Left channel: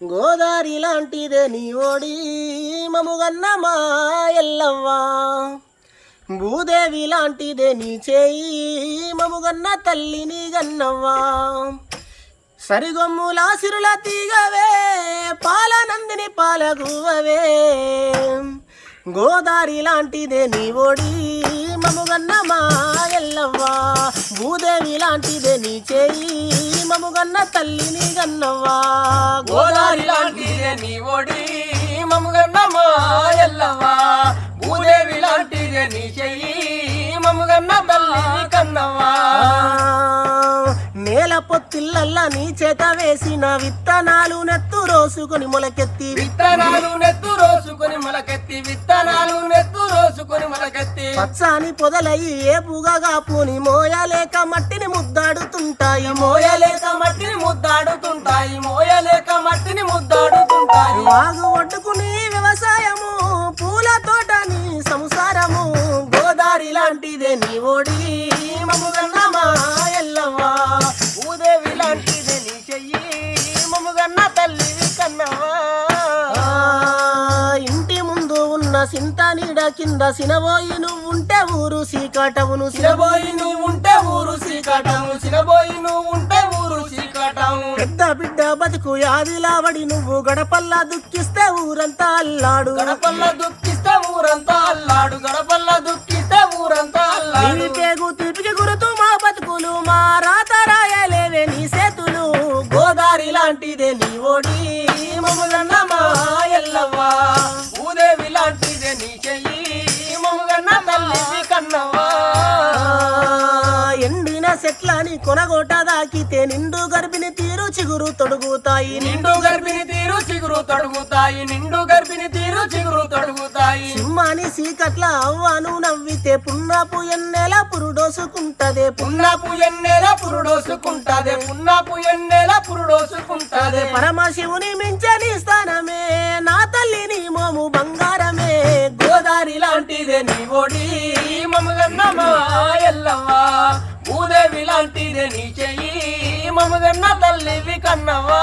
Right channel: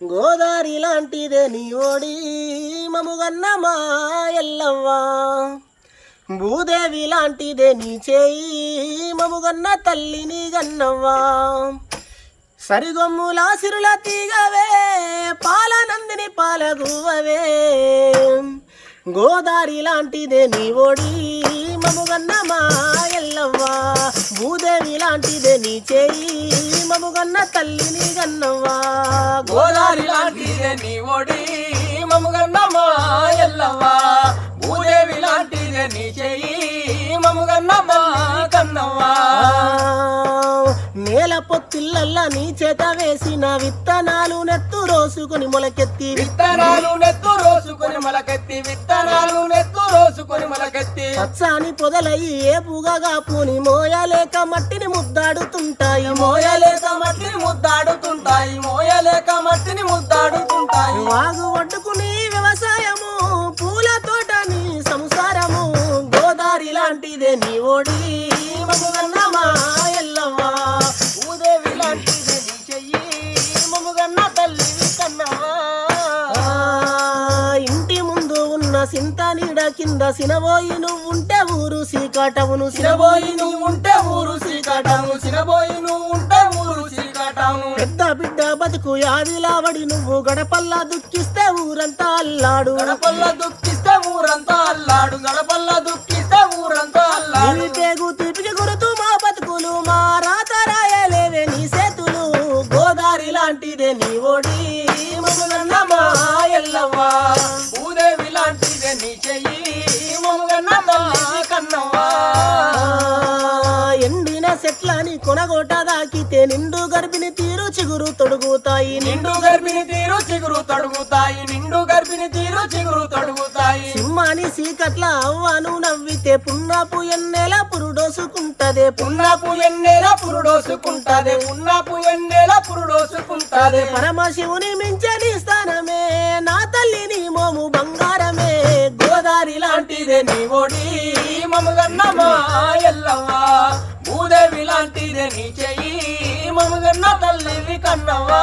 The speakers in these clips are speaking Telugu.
గోదారి లాంటిదే నీ ఓడి మముగన్న మా ఎల్లవ్వా, భూదేవి లాంటిదే నీ చేయి మముగన్న తల్లిని గన్నవ్వా. సరిగొమ్ముల సిరుల తీగవే పాలనందిని పాలగువవే, గోదారి లాంటిదే నీ ఓడి మముగన్న మా ఎల్లవ్వా, భూదేవి లాంటిదే నీ చేయి మముగన్న తల్లిని గన్నవ్వా. గోదారి లాంటిదే నీ ఓడి మముగన్న మా ఎల్లవ్వా, భూదేవి లాంటిదే నీ చేయి మముగన్న మా కన్నవ్వా. నేల పొత్తిళ్ళల్లా నీ చేత వేసిన విత్తనాలు నెత్తు రోసుకొని మొలకెత్తి, విత్తనాలు నెత్తు రోసుకొని మొలకెత్తి, విత్తనాలు నెత్తు రోసుకొని మొలకెత్తి, పచ్చాని పొదలయ్యి ఏపుగా పూని మోయలేక మట్టిని ముద్దాడుతుంటాయి, మోయలేక మట్టిని ముద్దాడుతుంటాయి, మోయలేక మట్టిని ముద్దాడుతుంటాయి. వాగు ఒడ్డుకుని వ్యవసాయము పూల తోట నీ సంసారము, గోదారి లాంటిదే నీ ఓడి మముగన్న మా ఎల్లవ్వా, భూదేవి లాంటిదే నీ చెయ్యి మముగన్న తల్లివి కన్నవ్వా. ఇంటి ముందు ఉన్న సింత నీడ కింద సినబోయి నువ్వుంటే ఊరు సీకాటవును, సినబోయి నువ్వుంటే ఊరు సీకాటవును, సినబోయి నువ్వుంటే ఊరు సీకాటవును. పెద్ద బిడ్డ బతుకు యాదిలావడి నువ్వు గడపల్లా దుఃఖిస్తే ఊరంతా అల్లాడు, గడపల్ల దుఃఖిస్తే ఊరంతా అల్లాడు, గడపల్ల దుఃఖిస్తే ఊరంతా అల్లాడు. నీ పేగు తీపికి గురుతూ మా బతుకులు మా రాత రాయలేవే నీ చేతులు, గోదారి లాంటిదే నీ ఓడి మముగన్న మా ఎల్లవ్వా, భూదేవి లాంటిదే నీ చెయ్యి మముగన్న తల్లి కన్నవ్వా. ఎండిన చెట్లని కొనగోట దాకితే నిండు గర్భిణి తీరు చిగురు తొడుగుతాయి, నిండు గర్భిణి తీరు చిగురు తొడుగుతాయి, నిండు గర్భిణి తీరు చిగురు తొడుగుతాయి. సింహాని సీకట్ల అవ్వను నవ్వితే పున్నపు ఎన్నెల పురుడోసుకుంటదే, పున్నపు ఎన్నెల పురుడోసుకుంటదే, పున్నపు ఎన్నెల పురుడోసుకుంటదే. పరమశివుని మించని స్థానమే నా తల్లిని మోము బంగారమే, గోదారి లాంటిదే నీ ఓడి మముగన్న మా ఎల్లవ్వా, భూదేవి లాంటిదే నీ చెయ్యి మముగన్న తల్లివి కన్నవ్వా.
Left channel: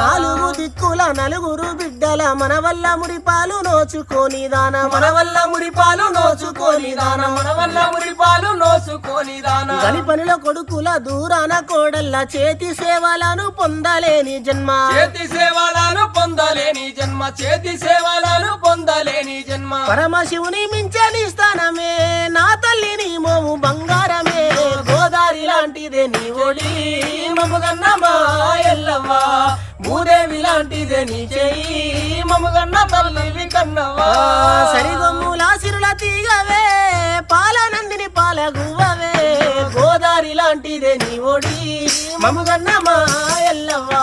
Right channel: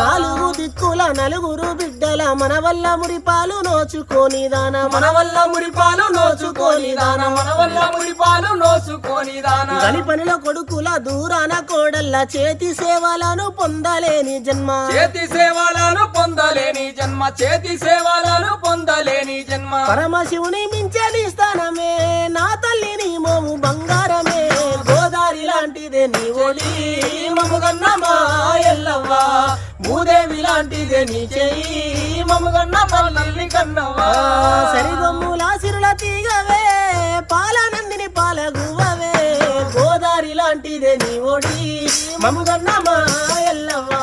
నాలుగు దిక్కుల నలుగురు బిడ్డల మన వల్ల మురిపాలు నోచుకొని దాన, మన వల్ల మురిపాలు నోచుకొని దాన, మన వల్ల మురిపాలు నోచుకొని దాన. గలి పనిలో కొడుకుల దూరాన కోడల్ల చేతి సేవలను పొందలేని జన్మ, చేతి సేవలను పొందలేని జన్మ, చేతి సేవలను పొందలేని జన్మ. పరమశివుని మించని స్థానమే నా తల్లిని మోము బంగారమే, గోదారి లాంటిదే నీ ఓడి మముగన్న మా ఎల్లవ్వా, భూదేవి లాంటిదే నీ చేయి మముగన్న తల్లివి కన్నవ్వా. సరిగొమ్ముల సిరుల తీగవే పాలనందిని పాలగువవే, గోదారి లాంటిదే నీ ఓడి మముగన్న మా ఎల్లవ్వా.